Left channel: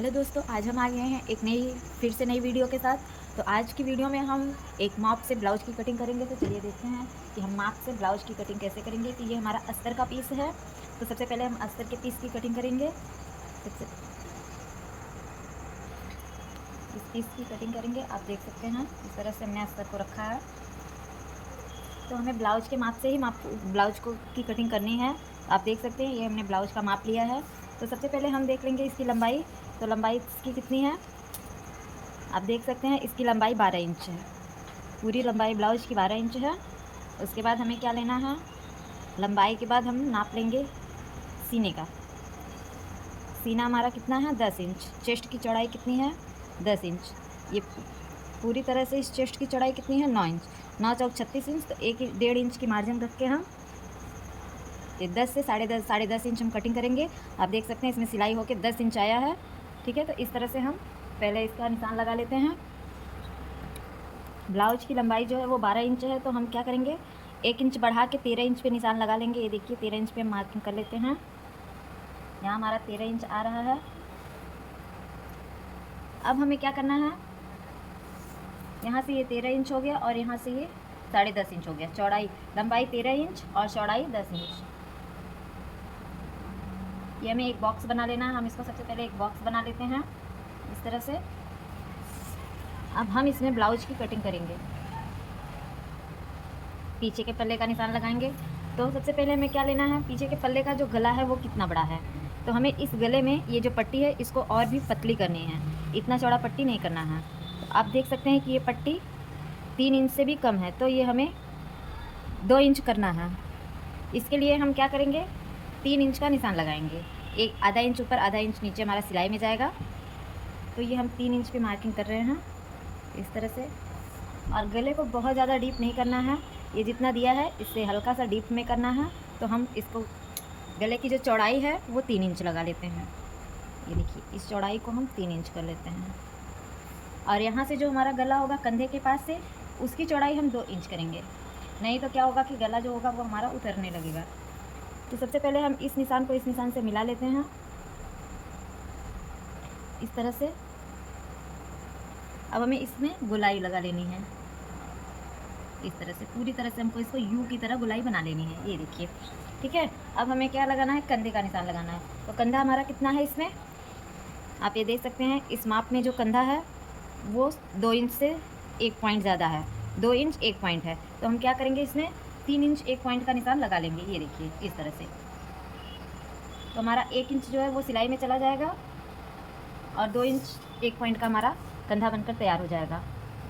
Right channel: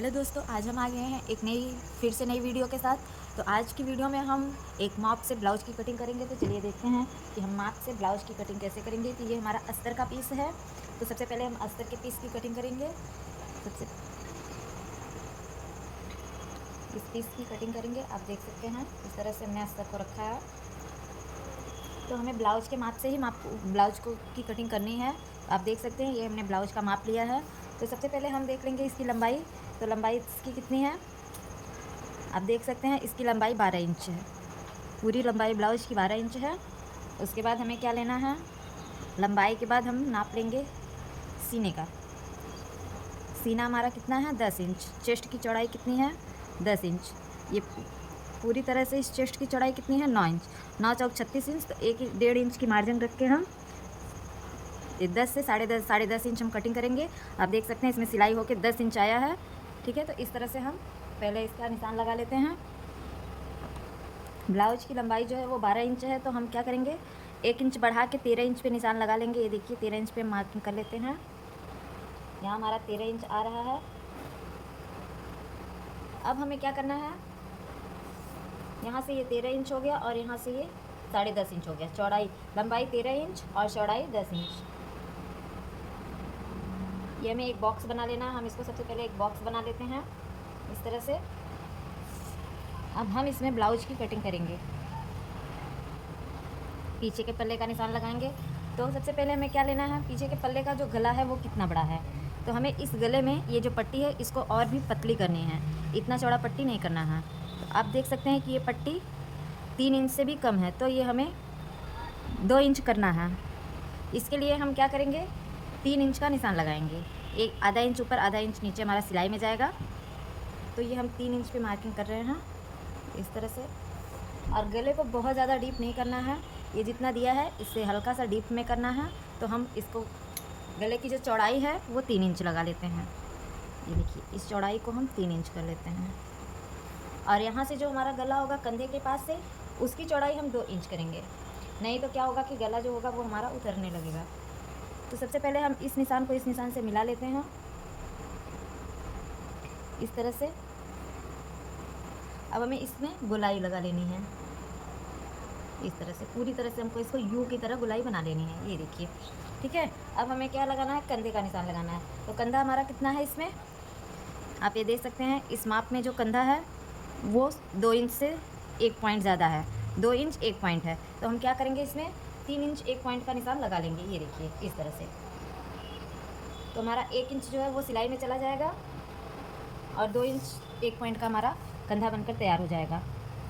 Hello दोस्तों, आज हम आ गए हैं एक फिर से नई वीडियो के साथ। तो आज की वीडियो में हम एक माप से ब्लाउज की कटिंग करेंगे। तो चलिए देखते हैं कि हम माप से ब्लाउज की कटिंग कैसे करेंगे। तो ये हमारा अस्तर का पीस है। तो सबसे पहले हम अस्तर के पीस की कटिंग करेंगे। सबसे इस पीस की कटिंग करेंगे। आप देख सकते हैं इस तरह से हमने अस्तर को रखा है। तो हमें ब्लाउज के माप से ही ब्लाउज को की कटिंग करनी है। आप देख सकते हैं ये हमने ब्लाउज का माप लिया है। तो सबसे पहले हम देख लेंगे इसकी लंबाई। तो लंबाई इसकी कितनी है, आप देख सकते हैं इसकी लंबाई 12 इंच है। पूरी लंबाई ब्लाउज की 12 इंच है। उसके बाद हमें क्या लेना है, लंबाई के बाद हम नाप लेंगे सीने का। सीना हमारा कितना है, 10 इंच। चेस्ट की चौड़ाई कितनी है, 10 इंच। ये पूरी तरह से इस चेस्ट की चौड़ाई कितनी है, 9 इंच। 9 चौक 36 इंच। तो 1.5 इंच की मार्जिन रख के हम 10 से साढ़े दस इंच हम कटिंग करेंगे। आप देख सकते हैं इसमें सिलाई होकर 10 इंच आया है। ठीक है, तो इस तरह से हम पहले इसका निशान लगा लेते हैं। ब्लाउज की लंबाई जो है वो 12 इंच है। तो हम क्या करेंगे, 1 इंच बढ़ा के 13 इंच पे निशान लगा लेंगे। ये देखिए 13 इंच पे मार्किंग कर लेते हैं। यहाँ हमारा 13 इंच आ रहा है। अब हमें क्या करना है, यहाँ से ये 13 इंच हो गया और यहाँ से ये 10.5 इंच हो गया। चौड़ाई लंबाई 13 इंच और चौड़ाई 10 इंच। ये हमें एक बॉक्स बना लेना है। हम इसको सबसे पहले एक बॉक्स बना लेते हैं इस तरह से। अब हम इसमें ब्लाउज की कटिंग करेंगे। पीछे के पल्ले का निशान लगाएंगे। तो सबसे पहले हमें क्या लेना है, पीछे के पल्ले का जो गला है वो कितना बड़ा है। तो हमें इस गले में ये जो पट्टी है इसको और भी पतली करनी है। इतना चौड़ा पट्टी नहीं करना है। तो आप देख सकते हैं कि ये पट्टी 3 इंच से भी कम है। तो ये हमें 2 इंच करना है। इसके लिए हम क्या करेंगे, 3 इंच का निशान लगाएंगे। एक आधा इंच ऊपर आधा इंच नीचे हमारा सिलाई में जाएगा। तो ये हम 3 इंच पे मार्किंग कर रहे हैं इस तरह से। और गले को बहुत ज़्यादा डीप नहीं करना है। ये जितना दिया है इससे हल्का सा डीप में करना है। तो हम इसको गले की जो चौड़ाई है वो 3 इंच लगा लेते हैं। ये देखिए इस चौड़ाई को हम 3 इंच कर लेते हैं। और यहाँ से जो हमारा गला होगा कंधे के पास से, उसकी चौड़ाई हम 2 इंच करेंगे। नहीं तो क्या होगा कि गला जो होगा वो हमारा उतरने लगेगा। तो सबसे पहले हम इस निशान को इस निशान से मिला लेते हैं इस तरह से। अब हमें इसमें गोलाई लगा लेनी है इस तरह से। पूरी तरह से हमको इसको यू की तरह गोलाई बना लेनी है। ये देखिए, ठीक है। अब हमें क्या लगाना है, कंधे का निशान लगाना है। तो कंधा हमारा कितना है इसमें, आप ये देख सकते हैं इस माप में जो कंधा है वो 2 इंच से 1 पॉइंट ज़्यादा है। 2 इंच 1 पॉइंट है। तो हम क्या करेंगे, इसमें 3 इंच 1 पॉइंट का निशान लगा लेंगे। ये देखिए इस तरह से। तो हमारा 1 इंच जो है वो सिलाई में चला जाएगा और 2 इंच 1 पॉइंट का हमारा कंधा बनकर तैयार हो जाएगा।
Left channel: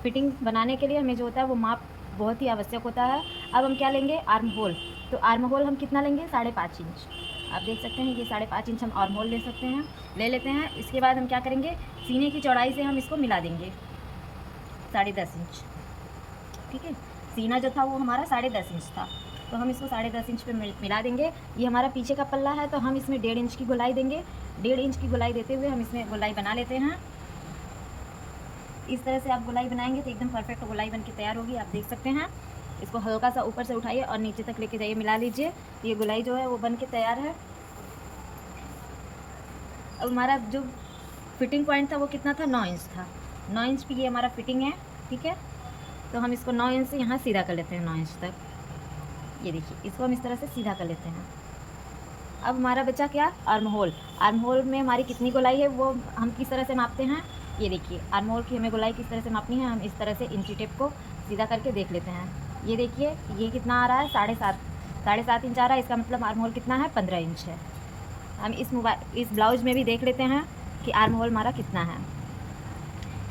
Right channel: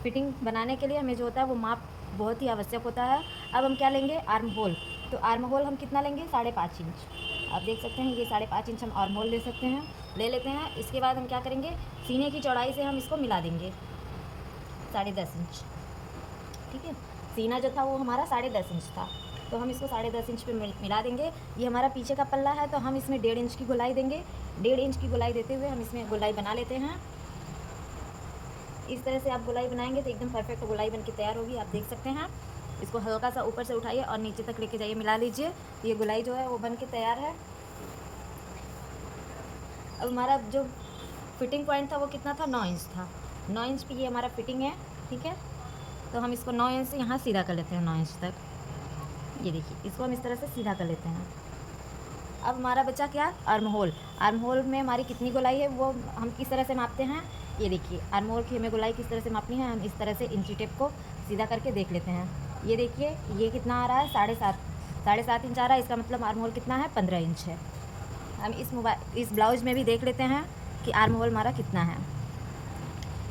फिटिंग बनाने के लिए हमें जो होता है वो माप बहुत ही आवश्यक होता है। अब हम क्या लेंगे, आर्म होल। तो आर्म होल हम कितना लेंगे, 5.5 इंच। आप देख सकते हैं ये 5.5 इंच हम आर्म होल ले लेते हैं। इसके बाद हम क्या करेंगे, सीने की चौड़ाई से हम इसको मिला देंगे 10.5 इंच। ठीक है, सीना जो था वो हमारा 10.5 इंच था। तो हम इसको 10.5 इंच पे मिला देंगे। ये हमारा पीछे का पल्ला है। तो हम इसमें 1.5 इंच की गोलाई देंगे। 1.5 इंच की गोलाई देते हुए हम इसमें गोलाई बना लेते हैं। इस तरह से आप गोलाई बनाएंगे तो एकदम परफेक्ट गोलाई बन के तैयार होगी। आप देख सकते हैं इसको हल्का सा ऊपर से उठाइए और नीचे तक लेके जाइए, मिला लीजिए। ये गोलाई जो है वो बन के तैयार है। अब हमारा जो फिटिंग पॉइंट था वो कितना था, 9 इंच था। 9 इंच पे ये हमारा फिटिंग है। ठीक है, तो हम इसको 9 इंच से यहाँ सीधा कर लेते हैं 9 इंच तक। ये देखिए इसको हम इस तरह से सीधा कर लेते हैं। अब हमारा बचा क्या, आर्म होल। आर्म होल में हमारी कितनी गोलाई है वो हम किस तरह से मापते हैं। ये देखिए आर्म होल की हमें गोलाई किस तरह से मापनी है। हम इस तरह से इंची टेप को सीधा करके देख लेते हैं। ये देखिए ये कितना आ रहा है, 7.5 इंच आ रहा है। इसका मतलब आर्म होल कितना है, 15 इंच है। हम इस ब्लाउज में भी देख लेते हैं कि आर्म होल हमारा कितना है।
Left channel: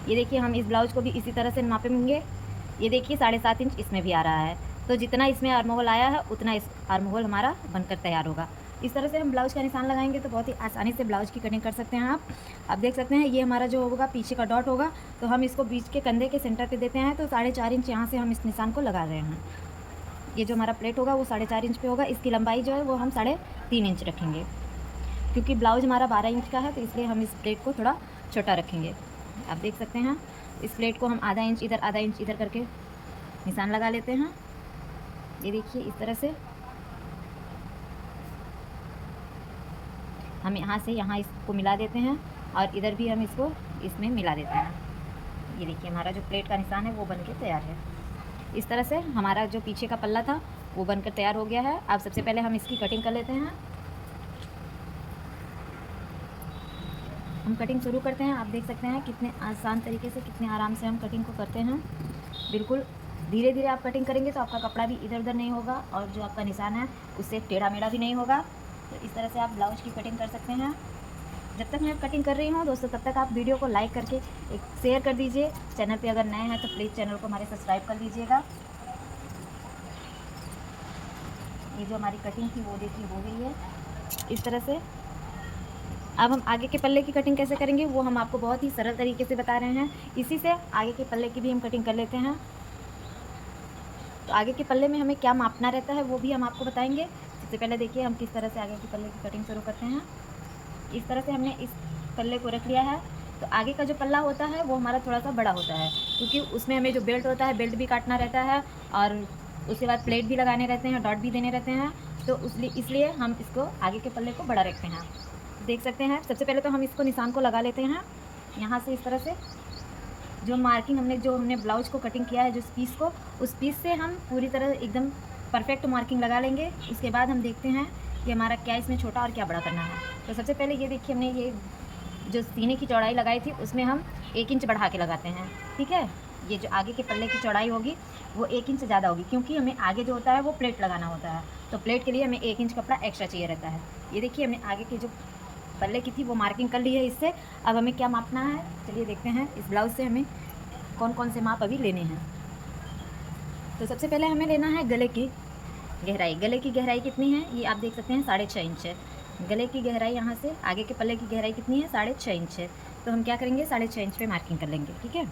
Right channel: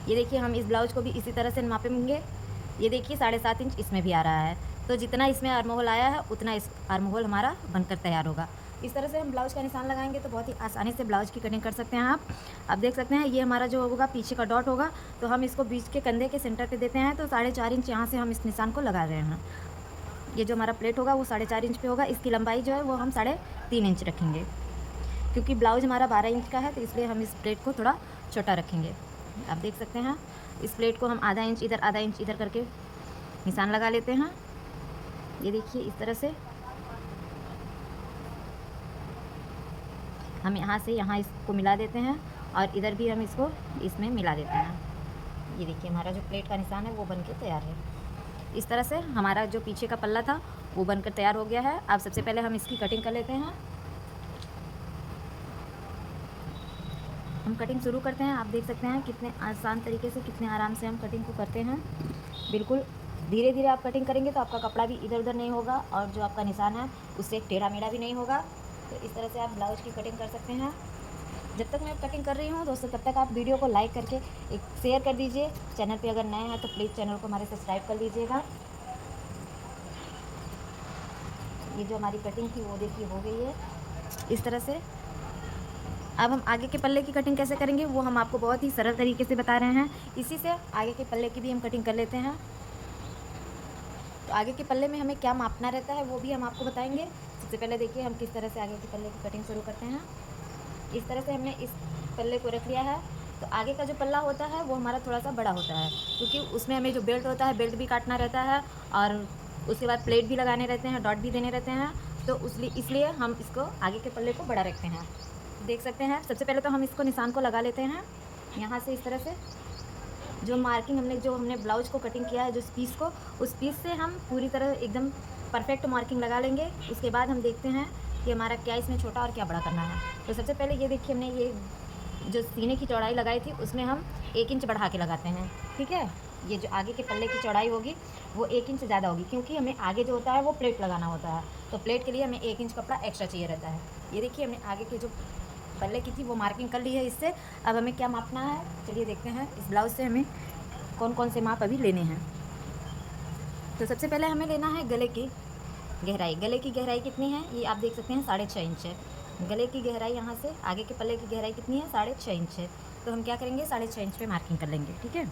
ये देखिए हम इस ब्लाउज को भी इसी तरह से मापेंगे। ये देखिए 7.5 इंच इसमें भी आ रहा है। तो जितना इसमें आर्म होल आया है उतना इस आर्म होल हमारा बनकर तैयार होगा। इस तरह से हम ब्लाउज का निशान लगाएंगे तो बहुत ही आसानी से ब्लाउज की कटिंग कर सकते हैं आप देख सकते हैं ये हमारा जो होगा पीछे का डॉट होगा। तो हम इसको बीच के कंधे के सेंटर पे देते हैं। तो 4.5 इंच यहाँ से हम इस निशान को लगा रहे हैं। ये जो हमारा प्लेट होगा वो 4.5 इंच पे होगा। इसकी लंबाई जो है वो हम 3.5 इंच रखेंगे, क्योंकि ब्लाउज हमारा 12 इंच का है। तो इसलिए हम इस प्लेट को थोड़ा छोटा रखेंगे। आप देख सकते हैं इस प्लेट को हम आधा इंच इधर करके निशान लगा लेते हैं। ये देखिए इस तरह से हम यहाँ से यहाँ इसको मिला देते हैं। और इधर भी हम इसको इसमें मिला देते हैं। ये देखिए हमारा जो प्लेट का निशान है वो बन के तैयार है। इस तरह से हमारा जो पीछे का पल्ला था वो बनकर तैयार हो गया है। अब सबसे पहले हम इसकी कटिंग कर लेते हैं। हम कटिंग शुरू करते हैं। आप देख सकते हैं कितने आसान तरीके से, कितने आराम से हम कटिंग को करते हैं। बिल्कुल धीरे धीरे आप कटिंग करेंगे तो आपका कपड़ा भी इधर उधर नहीं होगा और जो आपका निशान है उससे टेढ़ा मेढ़ा भी नहीं होगा। तो इस तरह से आप ब्लाउज की कटिंग कर सकते हैं। जब तक मैं कटिंग कर रही हूँ दोस्तों, तब तक आप वीडियो को लाइक करके एक शेयर कर दीजिए। चैनल पे अगर नए हैं तो प्लीज़ चैनल को हमारे सब्सक्राइब कर लीजिएगा। ये जो हमारी कटिंग थी वो देखिए हो गई है इस तरह से। अब हम आगे के पल्ले की कटिंग कैसे करेंगे वो हम आपको बहुत ही सरल तरीके से बता रहे हैं। इसी से आगे के पल्ले की भी हम कटिंग कर लेते हैं। तो आगे के पल्ले में हमें क्या मापना रहता है वो भी हम आपको बताएंगे। सबसे पहले देखिए हम किस तरह से आगे के पल्ले की कटिंग शुरू करते हैं। इस तरह से हमने इस पल्ले को रख लिया है। तो आगे का जो पल्ला होता है वो हमारा थोड़ा सा बड़ा होता है, क्योंकि उसमें हमें जो बेल्ट होता है बेल्ट भी काटना रहता है और उसके बाद प्लेट भी लगाने रहते हैं, डॉट भी देने रहते हैं। तो इसलिए हम इसको आगे के पल्ले को बड़ा रखते हैं। देख सकते हैं सबसे पहले तो हम इसको निशान को लगा लेते हैं यहाँ से। इस तरह से जो मार्किंग हमने ब्लाउज को कटिंग किया है, जो पीस को, उस पीस से हम पूरी तरह एकदम परफेक्ट मार्किंग लगा लेंगे। उसके बाद हम देखते हैं कि हमारा क्या इसमें छोटा और क्या बड़ा करना है। तो सबसे पहले ये देखिए हमने ये जो सीने की चौड़ाई लगाई थी उसमें हम 1 इंच बढ़ा के लगाते हैं। ठीक है, ये जो आगे के पल्ले की चौड़ाई होगी वो 1 इंच ज़्यादा होगी, क्योंकि हमें आगे जो होता है वो प्लेट लगाना होता है। तो प्लेट के लिए हमें 1 इंच कपड़ा एक्स्ट्रा चाहिए रहता है। ये देखिए हमने आगे के जो पल्ले की थी वो मार्किंग कर ली है इससे। अब हमें क्या मापना है चलिए देखते हैं। इस ब्लाउज से हमें कौन कौन से माप अभी लेने हैं। तो सबसे पहले हमें लेना है गले की गहराई। गले की गहराई कितनी है ये आप देख सकते हैं, 6.5 इंच है। गले की गहराई यहाँ से आगे के पल्ले की गहराई कितनी है, 6.5 इंच है। तो हम क्या करेंगे 6.5 इंच पे मार्किंग कर लेंगे। ठीक है,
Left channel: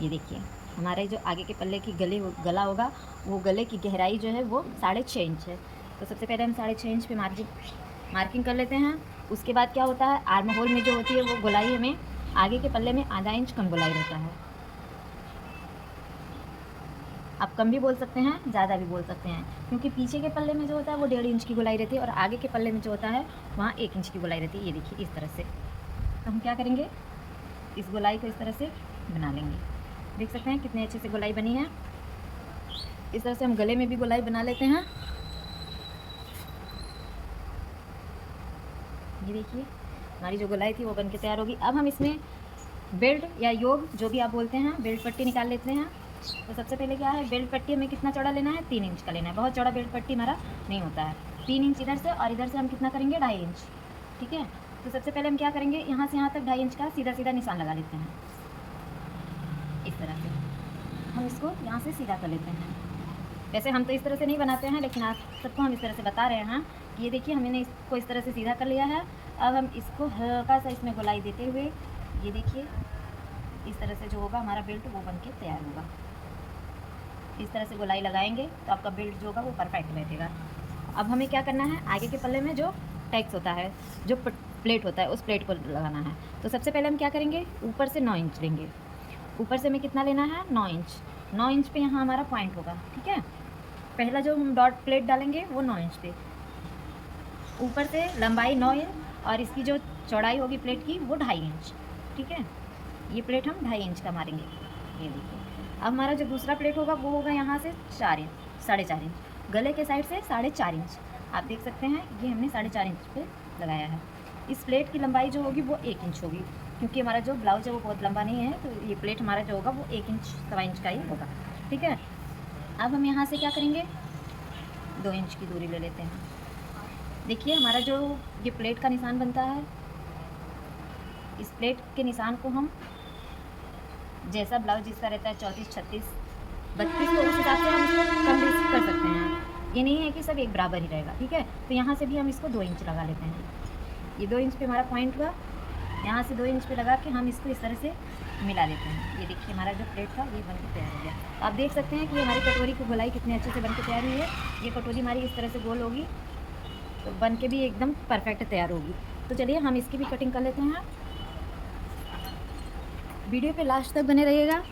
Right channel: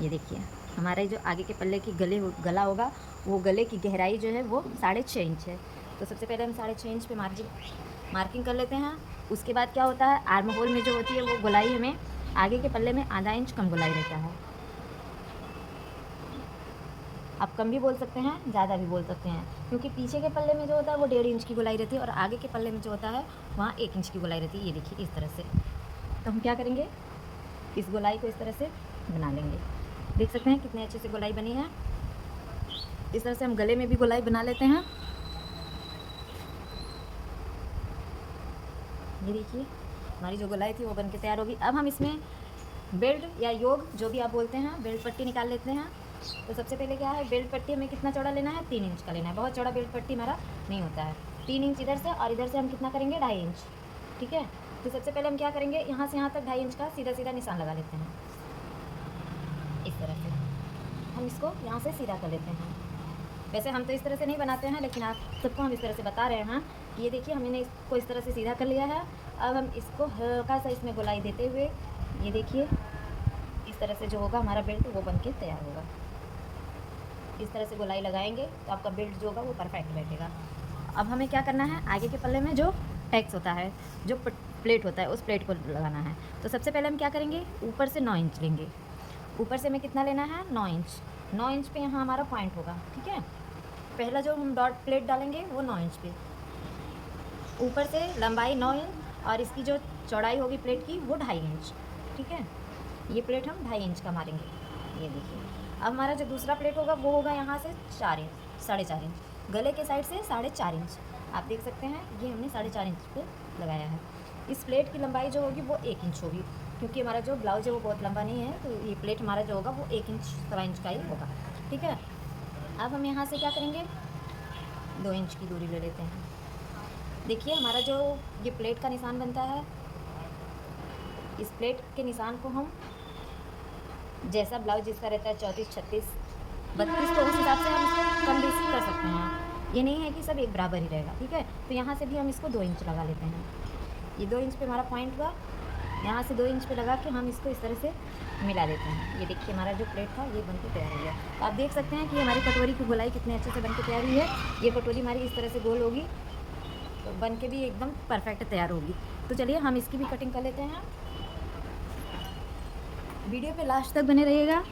ये देखिए हमारे जो आगे के पल्ले की गला होगा वो गले की गहराई जो है वो 6.5 इंच है। तो सबसे पहले हम 6.5 इंच पे मार्किंग कर लेते हैं। उसके बाद क्या होता है, आर्म होल में जो होती है वो गोलाई हमें आगे के पल्ले में आधा इंच कम गोलाई रहता है। आप कम भी बोल सकते हैं, ज़्यादा भी बोल सकते हैं, क्योंकि पीछे के पल्ले में जो होता है वो 1.5 इंच की गोलाई रहती है और आगे के पल्ले में जो होता है वहाँ 1 इंच की गोलाई रहती है। ये देखिए इस तरह से। तो हम क्या करेंगे, इस गोलाई को इस तरह से बना लेंगे। देख सकते हैं कितने अच्छे से गोलाई बनी है। इस तरह से हम गले में भी गोलाई बना लेते हैं। ये देखिए हमारी जो गोलाई थी वो बन के तैयार होगी। अब हम इसमें बेल्ट या योग जो भी आप बोलते हैं, बेल्ट पट्टी निकाल लेते हैं। तो सबसे पहले क्या है, बेल्ट पट्टी हमें कितना चौड़ा लेना है, 3 इंच का लेना है। बहुत चौड़ा बेल्ट पट्टी हमारा नहीं होता है। 3 इंच इधर से और इधर से हम कितना करेंगे, 2.5 इंच। ठीक है, तो सबसे पहले हम क्या करेंगे, यहाँ से यहाँ तक 2.5 इंच का सीधा सीधा निशान लगा लेते हैं। इस तरह से हम इसको यहाँ से सीधा कर लेते हैं। वैसे हम तो इस तरह से नहीं बनाते हैं, लेकिन आप सबको हम इस तरह से बता रहे हैं कि ये देखिए हमने इसको इस तरह से सीधा कर लिया है। अब हम इसको हल्का सा इसमें गोलाई देते हुए ये देखिए इस तरह से जो होगा हमारा बेल्ट वो बन के तैयार होगा। इस तरह से गोलाई लगाएंगे तो आपका बेल्ट जो होगा वो परफेक्ट बैठेगा। अब हमें क्या करना है, आगे के पल्ले में जो टैक्स होता है, जो प्लेट होता है, उस प्लेट को लगाना है। तो सबसे पहले हम क्या करेंगे, ऊपर से 9 इंच लेंगे। ऊपर से हमें कितना लेना है, 9 इंच। 9 इंच पे यहाँ हमारा पॉइंट होगा। ठीक है, पहला जो हम डॉट प्लेट डालेंगे वो 9 इंच पे। ऊपर से लंबाई 9 इंच और इसकी जो चौड़ाई होगी प्लेट की वो 2.5 इंच। ठीक है, ये प्लेट हम 2.5 इंच का मारेंगे। ये देखिए अब हमारा जो दूसरा प्लेट होगा वो होगा यहाँ से 4 इंच, 4.5 इंच। गले के साइड से 4.5 इंच। आप देख सकते हैं ये हमने 4.5 इंच पे लगाया है। इस प्लेट की लंबाई जो होगी वो 1 इंच होगी, क्योंकि हमारा जो ब्लाउज है वो बहुत लंबा नहीं है। तो ये प्लेट हमारा जो होगा वो 1 इंच 1.25 इंच का ही होगा। ठीक है, अब हम यहाँ से क्या करेंगे, 2 इंच की दूरी ले लेते हैं। देखिए हमारा जो ये प्लेट का निशान बनता है, इस प्लेट के निशान को हम जैसा ब्लाउज जिसका रहता है 34, 36, 32, तो उस हिसाब से हम इसको कम बेसी कर सकते हैं। ये नहीं है कि सब एक बराबर ही रहेगा। ठीक है, तो यहाँ से भी हम इसको 2 इंच लगा लेते हैं। ये 2 इंच पे हमारा पॉइंट हुआ, यहाँ से 2 इंच पे लगा के हम इसको इस तरह से मिला देते हैं। ये देखिए हमारा जो प्लेट था ये बन के तैयार हो गया। आप देख सकते हैं कि हमारी कटोरी की गोलाई कितने अच्छे से बन के तैयार हुई है। ये कटोरी हमारी इस तरह से गोल होगी तो बन के भी एकदम परफेक्ट तैयार होगी। तो चलिए हम इसकी भी कटिंग कर लेते हैं। वीडियो पे लास्ट तक बने रहिएगा,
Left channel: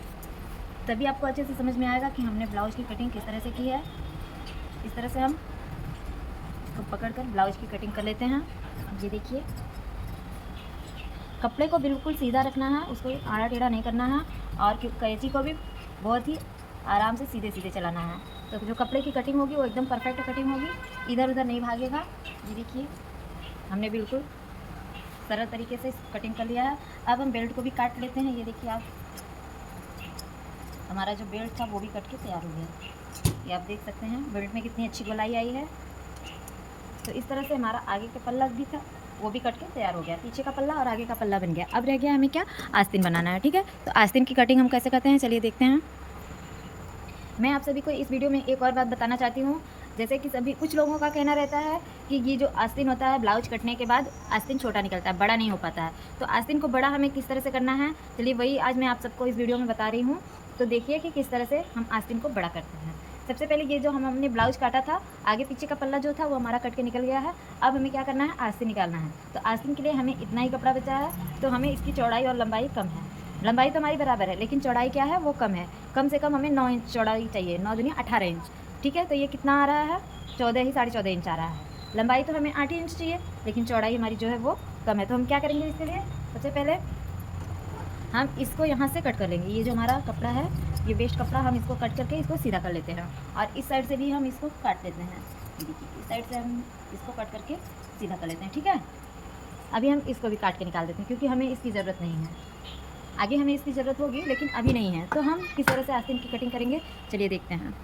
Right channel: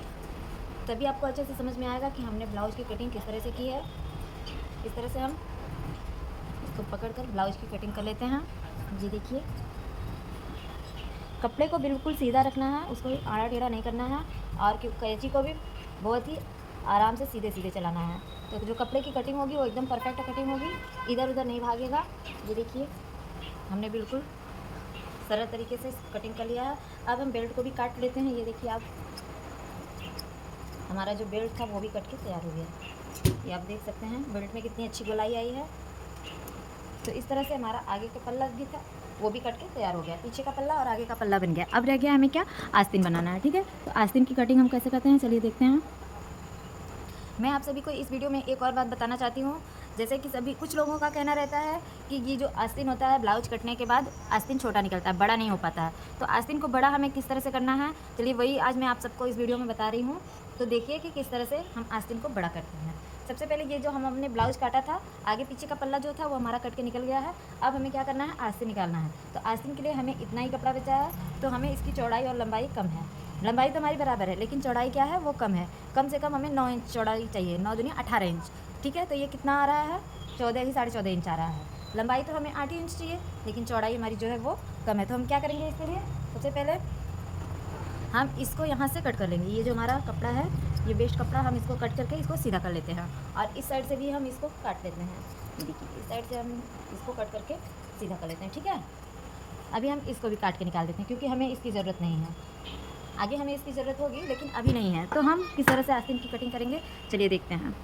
तभी आपको अच्छे से समझ में आएगा कि हमने ब्लाउज की कटिंग किस तरह से की है। इस तरह से हम इसको पकड़कर ब्लाउज की कटिंग कर लेते हैं। ये देखिए कपड़े को बिल्कुल सीधा रखना है, उसको आड़ा टेढ़ा नहीं करना है, और कैंची को भी बहुत ही आराम से सीधे सीधे चलाना है। तो जो कपड़े की कटिंग होगी वो एकदम परफेक्ट कटिंग होगी, इधर उधर नहीं भागेगा। ये देखिए हमने बिल्कुल सरल तरीके से कटिंग कर लिया है। अब हम बेल्ट को भी काट लेते हैं। ये देखिए आप, हमारा जो बेल्ट था वो भी कट के तैयार हो गया। ये आप देख सकते हैं बेल्ट में कितनी अच्छी गोलाई आई है। तो इस तरह से हमारा आगे का पल्ला भी था वो भी कट के तैयार हो गया, पीछे का पल्ला और आगे का पल्ला बन गया। अब रह गया हमें क्या, आस्तीन बनाना है। ठीक है, तो आस्तीन की कटिंग हम कैसे करते हैं चलिए देखते हैं। मैं आप सभी को इस वीडियो में एक और बात बताना चाहती हूँ। जैसे कि सभी कुछ लोगों का कहना रहता है कि ये जो आस्तीन होता है ब्लाउज कटने के बाद आस्तीन छोटा निकलता है, बड़ा नहीं हो पाता है। तो आस्तीन को बड़ा हमें किस तरह से करना है, चलिए वही आज मैं आप सबको इस वीडियो में बता रही हूँ। तो देखिए कि किस तरह से हम आस्तीन को बड़ा करते हैं। सबसे पहले ये जो हमने ब्लाउज काटा था, आगे पीछे का पल्ला जो था वो हमारा कट के निकल गया है। अब हमें क्या करना है, आस्तीन निकालना है। तो आस्तीन के लिए हमें इतना ही कपड़ा बचा है, तो हमें इसकी चौड़ाई और लंबाई कम है। लंबाई तो हमारी बराबर है, लेकिन चौड़ाई क्या है वो कम है। कम से कम हमें 9 इंच चौड़ाई चाहिए, 9 दूनी 18 इंच। ठीक है, तो ये कितना आ रहा है, 14 ही 14.5 इंच आ रहा है। लंबाई तो हमें 8 इंच चाहिए, लेकिन चौड़ाई हमारी जो है वो कम है। तो हम क्या करेंगे इसके लिए, सबसे पहले हम इसको यहाँ से कट कर लेंगे। ये जो हमारा कपड़ा है, ये वेस्ट कपड़ा, हम इसको कट करके इसको सीधा कर लेते हैं। और इस साइड से भी हम इसको काट लेते हैं। देखिए इस साइड से हम इसको कट करके सीधा कर लेते हैं। ठीक है, अभी हम इसको भी काट के निकाल देते हैं, क्योंकि हमें इसकी ज़रूरत नहीं है। आगे हमें इसकी ज़रूरत होगी, लेकिन अभी नहीं है। तो हम किस तरह से आस्तीन की कटिंग करेंगे चलिए देखते हैं।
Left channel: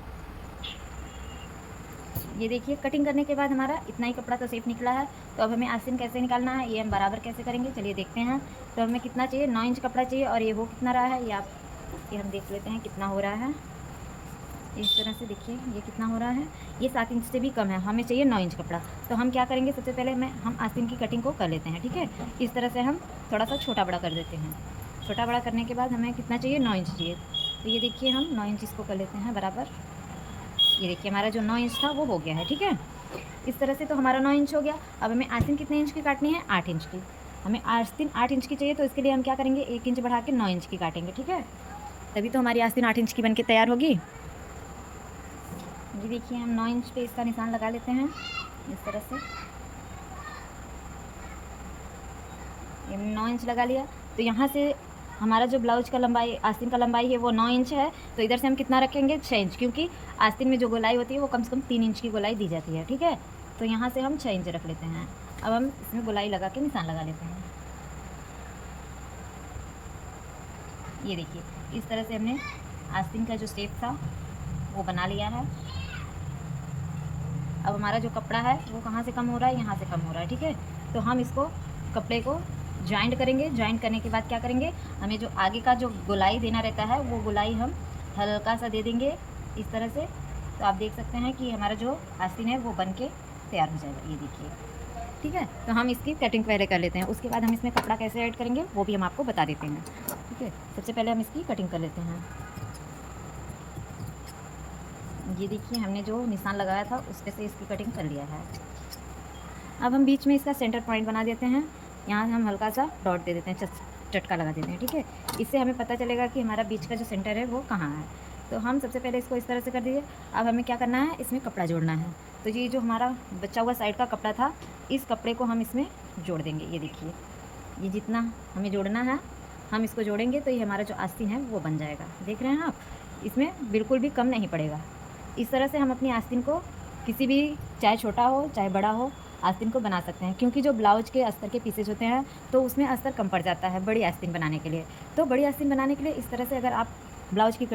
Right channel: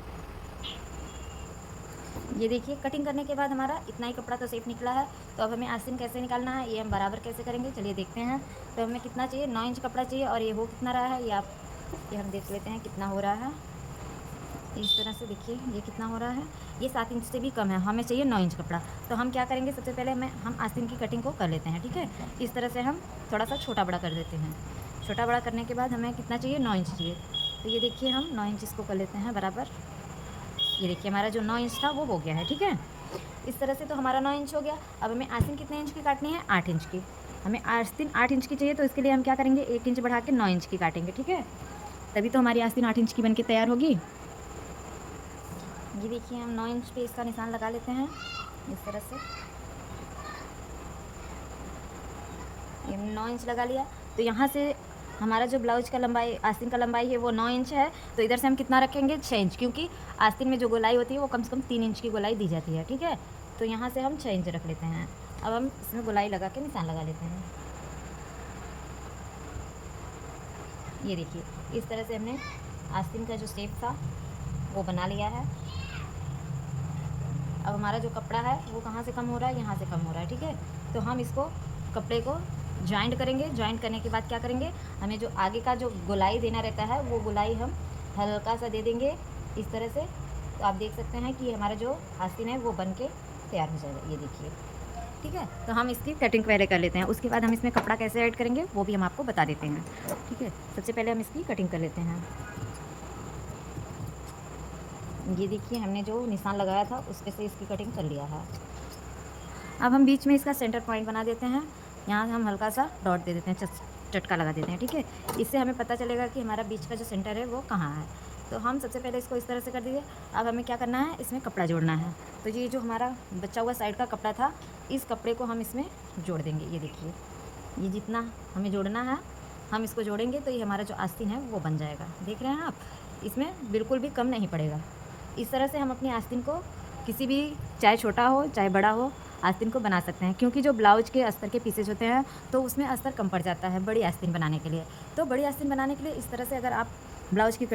ये देखिए कटिंग करने के बाद हमारा इतना ही कपड़ा तो सेफ निकला है। तो अब हमें आस्तीन कैसे निकालना है, ये हम बराबर कैसे करेंगे चलिए देखते हैं। तो हमें कितना चाहिए, 9 इंच कपड़ा चाहिए, और ये हो कितना रहा है ये हम देख लेते हैं कितना हो रहा है। इस तरह से देखिए ये कितना हो रहा है, ये 7 इंच से भी कम है, हमें चाहिए 9 इंच कपड़ा। तो हम क्या करेंगे, सबसे पहले हम आस्तीन की कटिंग को कर लेते हैं। ठीक है, इस तरह से हम थोड़ा सा छोटा बड़ा कर देते हैं। छोटा बड़ा करने के बाद हमें कितना चाहिए, 9 इंच चाहिए। तो ये देखिए हम 9 इंच इसको कर लेते हैं बराबर। ये देखिए हमारा जो 9 इंच था वो हो गया है। ठीक है, इस तरह से तो हमारा 9 इंच हो गया। अब हमें आस्तीन कितने इंच की काटनी है, 8 इंच की। हमें आस्तीन 8 इंच की चाहिए, तो इसके लिए हम क्या करेंगे, 1 इंच बढ़ा के 9 इंच की काटेंगे। ठीक है, तभी तो हमारी आस्तीन 8 इंच की बन के तैयार होगी। ये देखिए हम 9 इंच पे इसका निशान लगा लेते हैं इस तरह से। ये 9 इंच लगा लिया। तो यहाँ से हमारा जो ब्लाउज का लंबाई, आस्तीन का लंबाई है वो 9 इंच है। तो इधर से हम कितना रखेंगे, 6 इंच, क्योंकि आस्तीन में जो गोलाई होती है वो कम से कम 3 इंच की गोलाई दी जाती है। ठीक है, तो यहाँ से हम 6 इंच रख लेते हैं। अब हम इसमें गोलाई लगा के निशान लगा लेते हैं। ये देखिए इस तरह से हमने आस्तीन का जो शेप था वो बना लिया है। अब हमारा जो कपड़ा है वो कहाँ से कम हो रहा है, यहाँ से कम हो रहा है। ठीक है, तो हम इसको कपड़े को जॉइंट करेंगे। जॉइंट करने के बाद क्या करेंगे, हमें जो आगे का जो गोलाई देना रहता है वो गोलाई हम हल्का सा दे देंगे इस तरह से। तो आप देख सकते हैं कि हमारा जो आस्तीन है वो बन के तैयार हो जाएगा। ये देखिए, ठीक है, तो हम इसकी कटिंग पहले कर लेते हैं, उसके बाद हम इसमें कपड़ा कैसे ऐड करेंगे वो भी हम आपको बता देते हैं। ठीक है, सबसे पहले हम इसकी कटिंग कर लेते हैं। ये देखिए हमने जो निशान लगाया था उस पे से इसकी कटिंग कर लिया है। अब हम बीच में इसका सेंटर पॉइंट बना देते हैं। यहाँ हम हल्का सा डॉट दे देते हैं, चटका लगा देते हैं। ठीक है, इससे हमें पता चलेगा कि हमारा बीच का जो सेंटर है वो कहाँ है। तो हम सबसे पहले इसको इस तरह से कर दीजिए। अब हमें क्या करना है, इसमें कपड़ा जोड़ना है। तो ये जो हमारा बचा हुआ साइड का कपड़ा था, इस कपड़े को हम इसमें जोड़ देंगे। ये देखिए ये जितना हमें जोड़ना है हम इसको जोड़ेंगे, तो ये हमारा जो आस्तीन है वो बन जाएगा। देख रहे हैं आप, इसमें बिल्कुल भी कम नहीं पड़ेगा। इस तरह से हम अपनी आस्तीन को किसी भी, चाहे छोटा हो चाहे बड़ा हो, आस्तीन को बना सकते हैं। क्योंकि जो ब्लाउज के अस्तर के पीसेज होते हैं तो उसमें अस्तर कम पड़ जाता है बड़ी आस्तीन बनाने के लिए। तो बड़ी आस्तीन बनाने के लिए इस तरह से अगर आप ब्लाउज की